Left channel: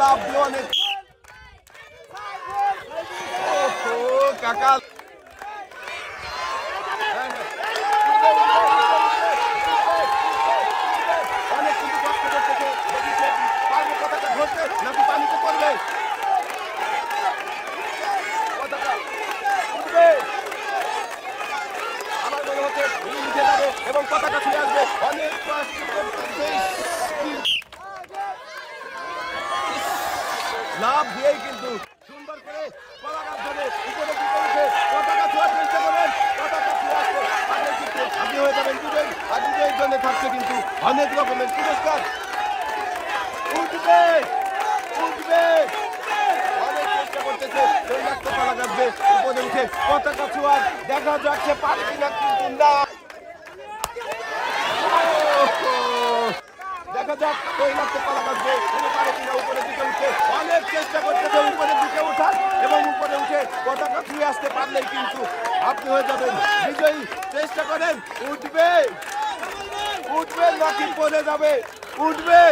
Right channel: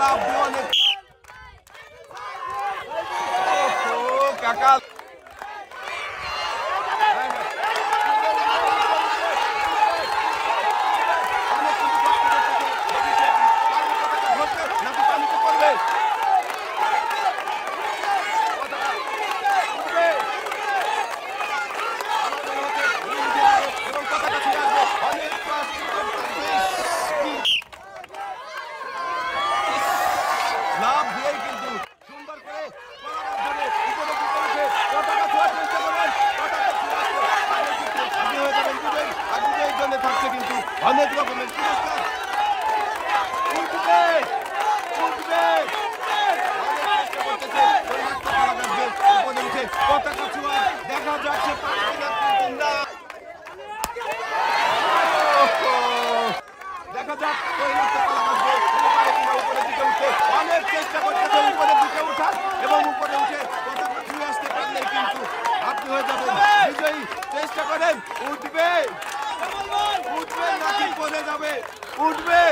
লাভ দিয়ে অনেক কাকা এবং পতাকা ছুঁয়ে আসবে অনেক লাভ দিয়েই কিন্তু সুন্দর করে পতাকা ধরে উপরে উঠে পতাকা ছোঁয়ার চেষ্টা করেন পতাকা ছুঁয়ে আসবে তাহলে কিন্তু হাজির হয়ে যাবেন বিজয় আর বিজয়ের জন্য থাকছে কিন্তু অনেক রকমের পুরস্কার উঠবে উঠবে অনেক চেষ্টা করতেছে ওই মাত্র পালা যাচ্ছে উপরে উঠে পতাকা ছোঁয়ার দেখা যাচ্ছে পারে কিনা কিন্তু না দেখা যাক ওই মাত্র পালা আসবে পারে কিনা উপরে দিকে উঠে অনেক চেষ্টা করতেছে উপরের দিকে ওঠার এবং উপরে উঠে পতাকা ছুঁয়ে আসতে পারলেই কিন্তু আপনি হয়ে যাবেন বিজয়ী চেষ্টা করেন উঠবে উঠবে নাকি পড়ে যাবে উঠবে